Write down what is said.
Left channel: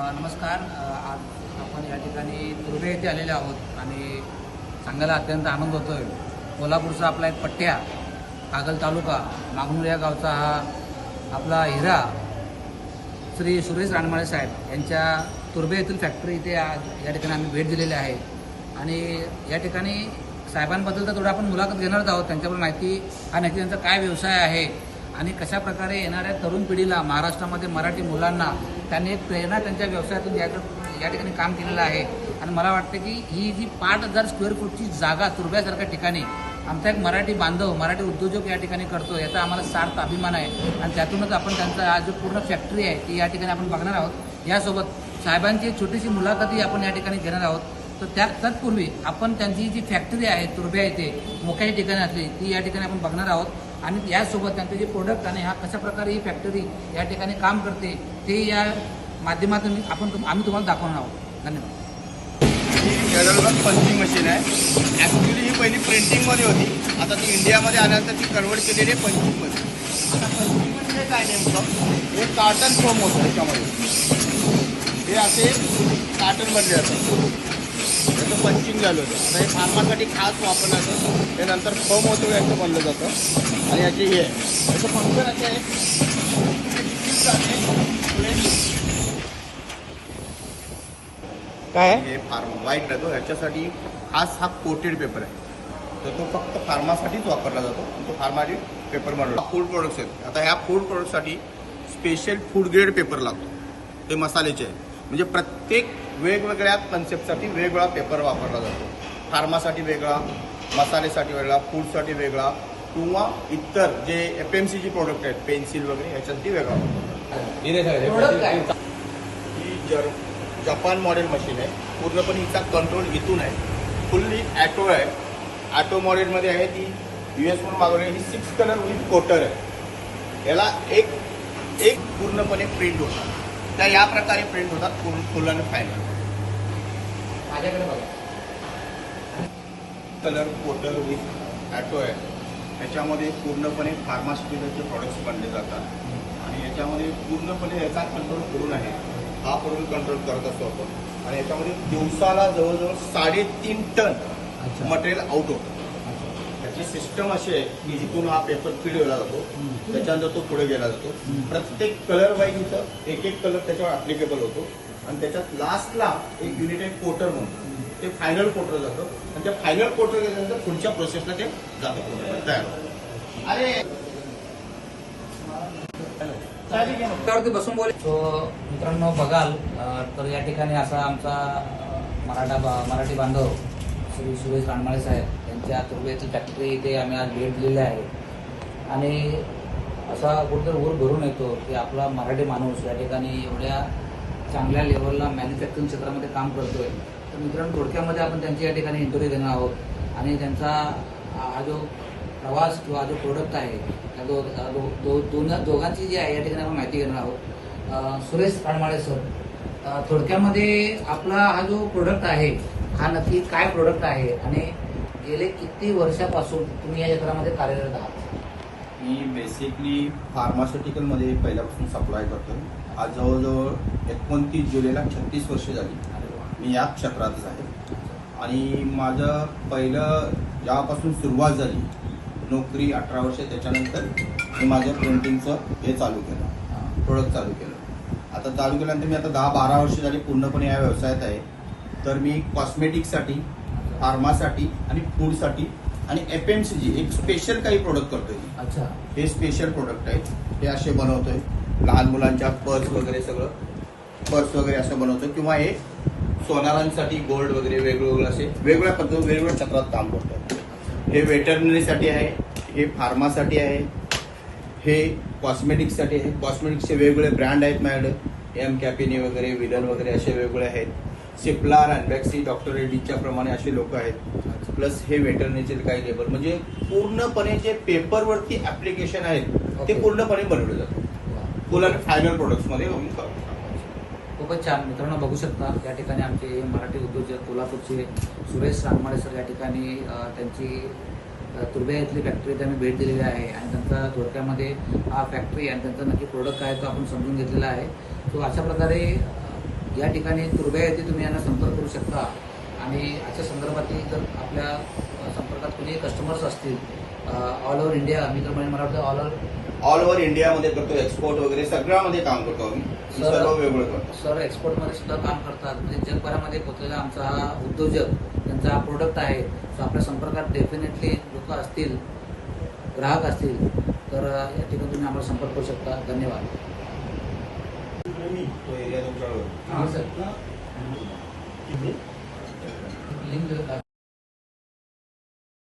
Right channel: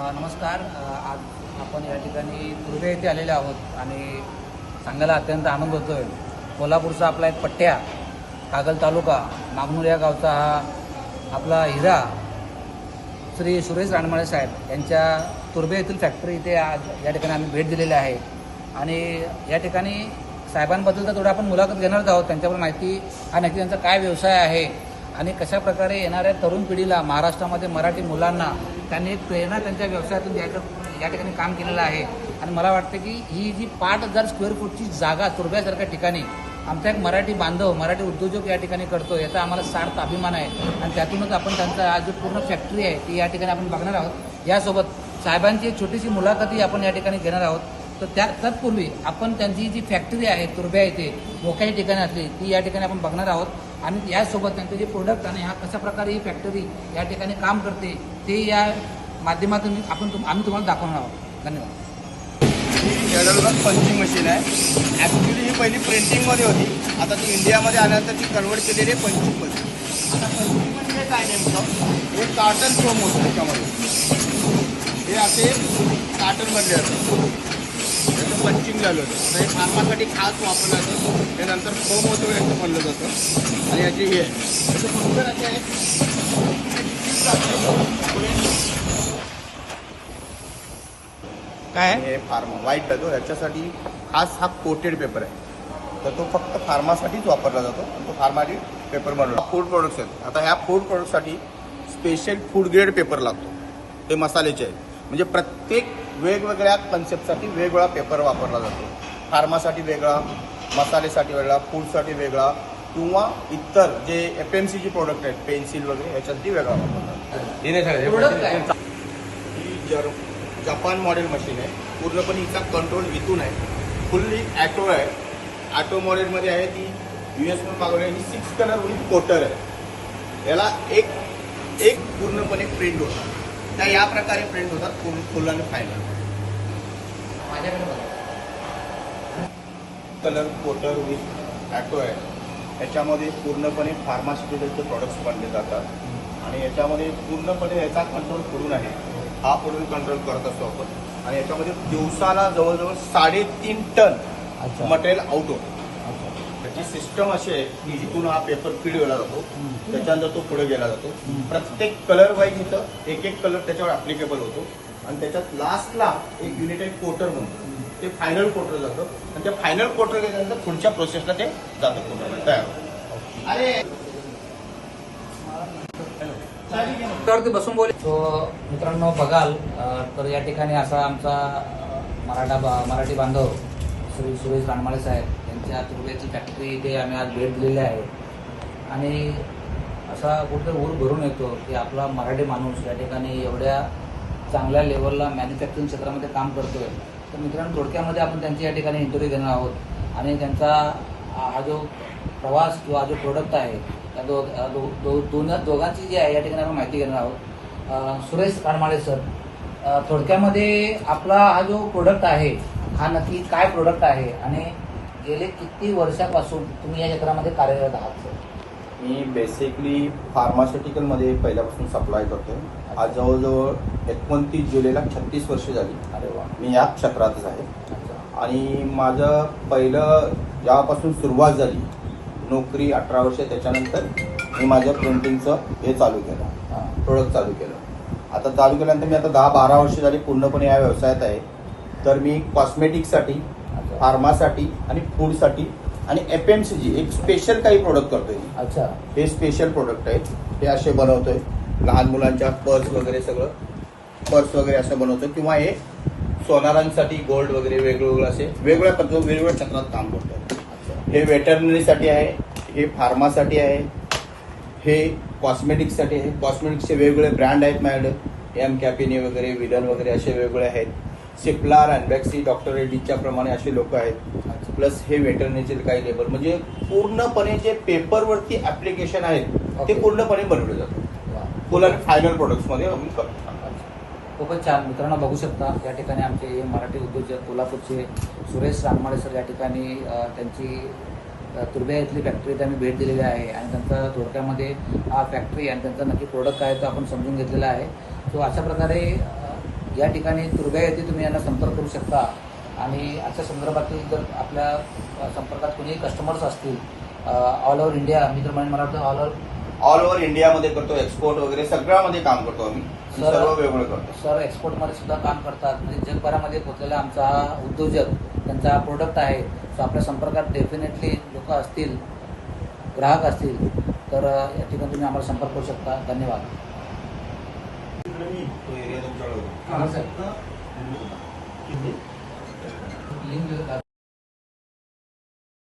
नमस्कार. आज आपण या ठिकाणी तुर्भे येथे आलेले आहोत आणि सांगायला अत्यंत आनंद होतोय. कोल्हापूरचा आपला एक पट्ट्या कागल तालुका मागमूर या गावचा हा आपला हिरा श्री सुरेश रानमाळे साहेब यांच्या तुर्भे येथील फॅक्टरी इथे आज या ठिकाणी आम्ही भेट दिलेली आहे. आणि या ठिकाणी साहेबांबद्दल तर थोडं आपण मुलाखत घेणारच आहोत. त्यांच्याकडून माहिती आणि नक्की त्यांचा काय व्यवसाय आहे आणि कशा प्रकारे येणाऱ्या तरुण पिढीला महाराष्ट्रामध्ये मराठी मुलांना त्यांनी एक प्रेरणा त्यांच्या व्यवसायातून या या ठिकाणी काम केलेलं आहे. आणि मला वाटतं की ही जी पाच हजार स्क्वेअर फूटची जागा तुर्भ्यासारख्या ठिकाणी आमचा एक मराठी बांधव मराठी उद्योजक या ठिकाणी करतो याचा आम्हाला सार्थ अभिमान आहे. आणि त्यातूनच आपण त्यांचा आज जो पूर्ण फॅक्टरी आहे ती या ठिकाणी आपण बघणार आहोत. यासोबत साहेबांची छोटीशी मुलाखतही आपण या ठिकाणी घेणार आहोत. तर त्या तत्पूर्वी आपण त्यांची जी फॅक्टरी आहे तुर्भ्या येथे मोक्याच्या ठिकाणी असली ती या ठिकाणी आपण बघणार आहोत. आणि यासोबत त्यांचे जे प्रोडक्ट आणि हा कशा प्रकारे ही फॅक्टरी या ठिकाणी काम करते ते या माध्यमातून आपण तुम- आम्ही तुम्हाला दाखवणार आहोत. धन्यवाद. पंचिंग मशीन आहे. ॲक्च्युली ही पहिली प्रिंटिंगमध्ये होती. आता ती इंडियामध्ये आल्यानंतर ती कन्वर्ट केलेली आहे पंचिंगमध्ये आता पंचिंग म्हणजे काय नेमकं? हे कार्टन फोम होतं त्याच्यामध्ये. हे असे कार्टनमधले असतात पंचिंग झालं होतं. हे फार्मासाठी खास वापरलं जातं. हे नंतर फोम होतं याचं बनलं जातं. आणि याची हे. आहे त्याचं फंक्शन असे आहे हे काय? आहे? हे फार्म व्हाईट लागतो ह्याच्यासाठी खास हा कोटेड पेपर आहे. तर तो फक्त फार्मासाठीच वापरला जातो. तो फार्माटी पेपर म्हणून. फूड प्रोडक्ट्स आहेत. आता ह्या फूड प्रोडक्टसाठी स्पेशल फूड ग्रेड पेपर लागतो. ते मसाल्याचे आहेत. म्हणजे प्रत्येक वेगवेगळ्या कन्सेप्टसाठी वेगवेगळा पेपर वापरला जातो. फार्मासाठी वेगळा मसाल्यासाठी वेगळा फूडसाठी वेगळा किंवा इतर जे एफ एम सीची प्रोडक्ट आहेत पेन्सिल वगैरे ह्याच्यासाठी वेगळा. प्रोडक्ट काय? ही जर जपान मॉडेल मशीन आहे पूर्णपणे हिचा कंट्रोल इथून आहे. फुल्ली ॲटो आहे. ॲटो मॉडेलमध्ये आहे ती यू एस पण मागवली ही सिक्स कलर विथ कोटर आहे. याला एक एक पूर्णपणे प्रिंट होतात त्या या प्रकारे प्रिंट होतात फुल फुल आणि फायनल माझ्याकडे बघा. कलर कोटर विथ ॲटो आहे. याच्यामध्ये पूर्णपणे फार्मास्युटिकलचे प्रॉडक्ट्स बनले जातात. आणि याच्यामध्ये पूर्णपणे याचा कंट्रोल करून आहे. हा पूर्ण कंट्रोल करत असतो आपण. आणि याच्यामध्ये दिवसाला जवळजवळ साडेतीन टन. मटेरियल आउट होतं. त्याची सिस्टम अशी आहे की जिथून हा पेपर फीड केला जातो त्याच्यानंतर तो पुढे गेला जातो. प्रत्येक कलर वाईज इथं एक एक कलर त्याच्यावर अप्लिकेबल होतो. आणि त्याच्यात लास्टला एक युनिट आहे कोटर म्हणून ते फायनल कोटर जातं. आणि त्या फायनल कोटर गेल्यानंतर पुढच्या प्रोसेसला ते जातं. तयार. अरे. त्यावरती बसून बोल. तो मित्रांनो बघाल तर या ठिकाणी असा आमचा मराठा मराठी बांधव श्री सुरेश रानमाळे साहेब यांच्या तुर्भेची फॅक्टरी इथे आम्ही आज भेट दिलेली आहे. आणि असा कुठेतरी ऊर भरून येतो की आपला मराठी माणूस या ठिकाणी एवढ्या चांगल्या लेवलला मॅन्युफॅक्चरिंग क्षेत्रामध्ये काम करतोय. तर मित्रांनो थोडक्यामध्ये आपण त्यांची या ठिकाणी इंटरव्ह्यू घेणार आहोत. आणि त्यांचा हा जो प्रवास किंवा जो प्रोडक्ट आहे त्या दो, दो, दोन दोघांची जी आहे या ठिकाणी आपण माहिती घेणार आहोत. सुरेश कानमाळे सर थोडक्यामध्ये आपला हा जो प्रोडक्ट आहे हा नक्की काय प्रोडक्ट आहे आणि गेले किती वर्षापासून तुम्ही या क्षेत्रामध्ये कार्यरत आहात? मी बेसिकली फार्मास्युटिकलमध्ये पहिल्यापासून सप्लाय करतोय. आज जवळजवळ एकोणतीस जुलैला छत्तीस वर्ष झाली. अरे वा. मी या क्षेत्रातच आहे. आणि माझं पहिलं जेव्हापासून सुरुवात झाली नोकरी अठरा वर्ष त्याच्यानंतर मी माझं प्रिंटिंगचं हे चालू केलं. प्रोडक्ट चालू केलं. आता चालू केल्यानंतर मी आता दहा बारा वर्ष झाली पूर्णपणे या व्यवसायात आहे. तर मी कॉस्मेटिकसाठी. फार्मासाठी आणि फूडसाठी आणि एफ एम सी जी एक स्पेशल काही प्रोडक्ट करतोय. अच्छा. हे स्पेशल प्रोडक्ट आहेत. हे असे बनवतोय. लहान मुलांच्या पर्स वगैरे सगळं. पर्स वगैरे असं बनवतो किंवा हे सोनारांसाठी गोल्ड वगैरे वेगवेगळं असे वेगवेगळ्या पद्धती वेगवेगळ्या क्षेत्रात काम करतो हे वेटरनरीसाठी आहे. हे फार्मासाठी आहे. हे कॉस्मेटिक्ससाठी आहे. कॉस्मेटिक्सचे वेगवेगळे ब्रँड आहेत माझ्याकडे. एम कॅपिनी वगैरे विलन वगैरे असे वेगवेगळे आहेत. सिप्लार अँबॅक्सी डॉक्टर रेड्डीच्या प्रमाणे असे लोक आहेत. प्लस हे वेटरनरीचे काही लेबर म्हणजे पूर्णपणे जे पेपरवरती ऍप्लिकेशन आहेत ते. पूर्णपणे बनवले जातात. फुल आणि फायनल प्रोडक्ट्समध्ये आम्ही करतो खूपच छान. मित्रांनो बघू शकता या ठिकाणी आमचे मराठी उद्योजक कोल्हापूरचे सुरेश रानमाळे सर या ठिकाणी त्यांची तुर्भे इथली फॅक्टरीत आम्ही भेट दिलेली आहे. आणि त्यांचा थोडक्यामध्ये हा फॅक्टरी आणि त्यांचा नक्की प्रोडक्ट आहे तो आपण समजून घेतलेला आहे. तो अशा प्रकारे या ठिकाणी तुर्भे येथे तुम्ही यांना संपर्क करू शकता. आणि याच्या संदर्भातील जर आपल्या संपर्कात कुणी कस्टमर्स असतील ऑल ओव्हर इंडिया मी तर मला वाटतं ऑल ओव्हर ऑल ओव्हर इंडियामध्ये करतो एक्सपोर्ट वगैरे सगळ्यामध्ये काम करतो आम्ही. सर- सर्व वेगळं करतो. सर एक्सपोर्टमध्ये सुद्धा काम करतात. म्हणजे जगभरामध्ये पोचलेला आमचा हा उद्योजक त्यांचा हा प्रोडक्ट आहे. सो आपल्या संपर्कात डेफिनेटली लोक असतील ग्राहक असतील तर या ठिकाणी तुम्ही आम्हाला संपर्क करू शकता. धन्यवाद. तो